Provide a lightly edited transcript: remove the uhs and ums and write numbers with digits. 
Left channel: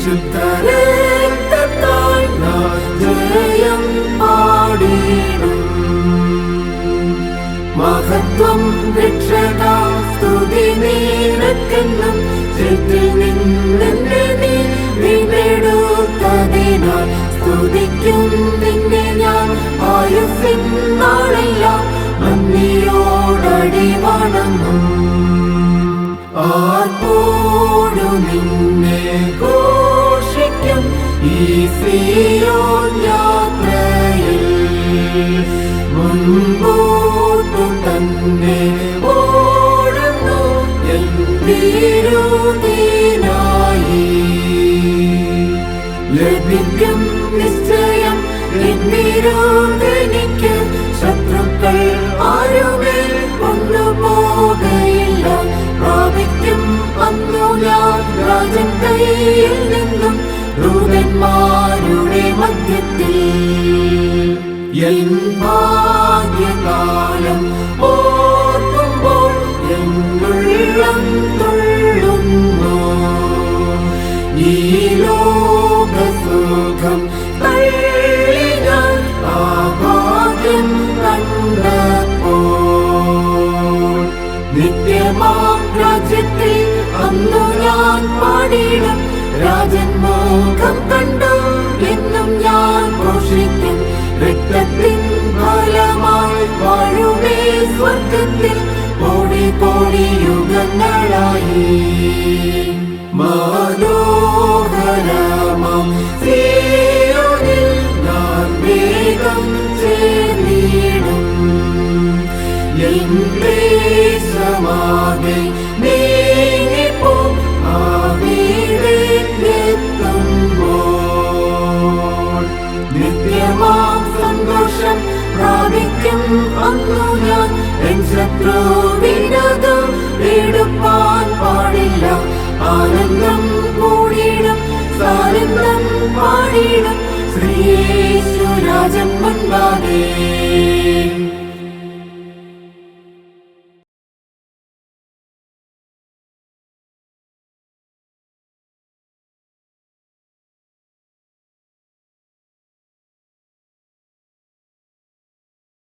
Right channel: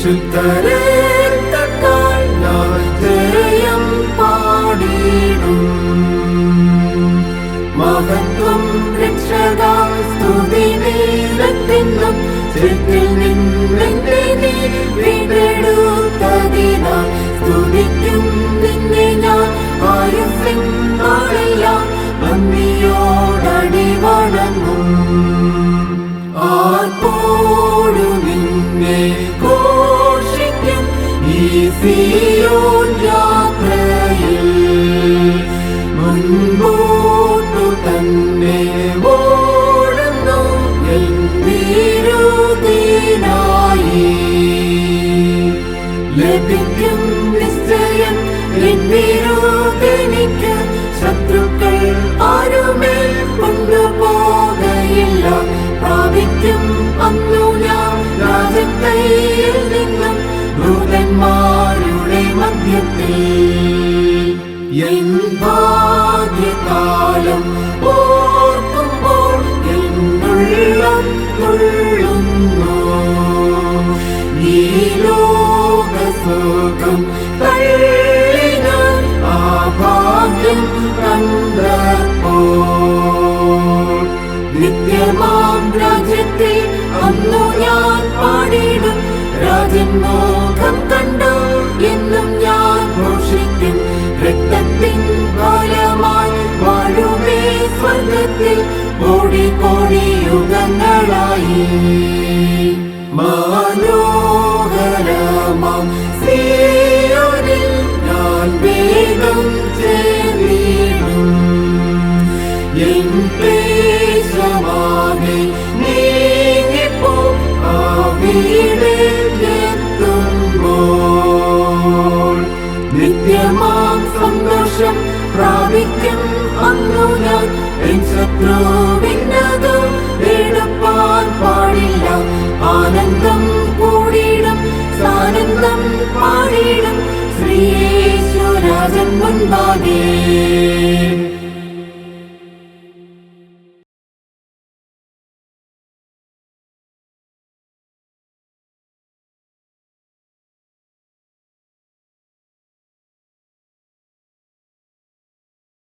ശുദ്ധരക്തത്താൽ ഞാൻ ജയം പാടിടും. മഹത്വം രക്ഷകാ സ്തുതി നീലത്തെന്നും ചേറ്റിൽ നിന്നെ നീ വീണ്ടെടുത്തതിനാൽ സ്തുതിക്കും നിന്നെ ഞാൻ ആയുസ്സിൻ നാളെല്ലാം നന്ദിയോടടി വണങ്ങും. ആർപ്പോടു നിന്നെ ഘോഷിക്കും ഈ സിയോൻ യാത്രയിൽ. മുൻപോട്ടു തന്നെ ഓടുന്നു എൻ വിരുദിനായി. ലഭിക്കും നിശ്ചയം എൻ വിരുദനിക്ക്. ശത്രുക്കൾ ആരുമേൽ കൊണ്ടുപോകയില്ല. പ്രാപിക്കും അന്നു ഞാൻ രാജൻ കയ്യിൽ നിന്നും ദൂതന്മാരുടെ മധ്യത്തിൽ. എൻ ഭാഗ്യകാലം ഓർക്കുമ്പോൾ എന്നുള്ളം തുള്ളുന്നു. ഈ ലോകസുഖം തള്ളി ഞാൻ ആ ഭാഗ്യം കണ്ടപ്പോൾ. നിത്യമാം രാജ്യത്തിൽ അന്നു ഞാൻ പാടിടും. രാജൻ മുഖം കണ്ടു എന്നും ഞാൻ ഘോഷിക്കും. രക്തത്തിൻ ഫലമായി വാഴുമേ സ്വർഗത്തിൽ കോടി കോടി യുഗങ്ങളായി. മനോഹരമാം സിയോനിൽ ഞാൻ വേഗം ചേർന്നിടും. എൻ ക്ലേശമാകെ നീങ്ങിപ്പോ ആ വീട്ടിലെത്തുമ്പോൾ. നിത്യമാം സന്തോഷം പ്രാപിക്കും അന്നു ഞാൻ. എൻ ശത്രുവിനതു എടുപ്പാൻ പാടില്ല. ആനന്ദം കൂടിയിടും സാനന്ദം പാടിയിടും.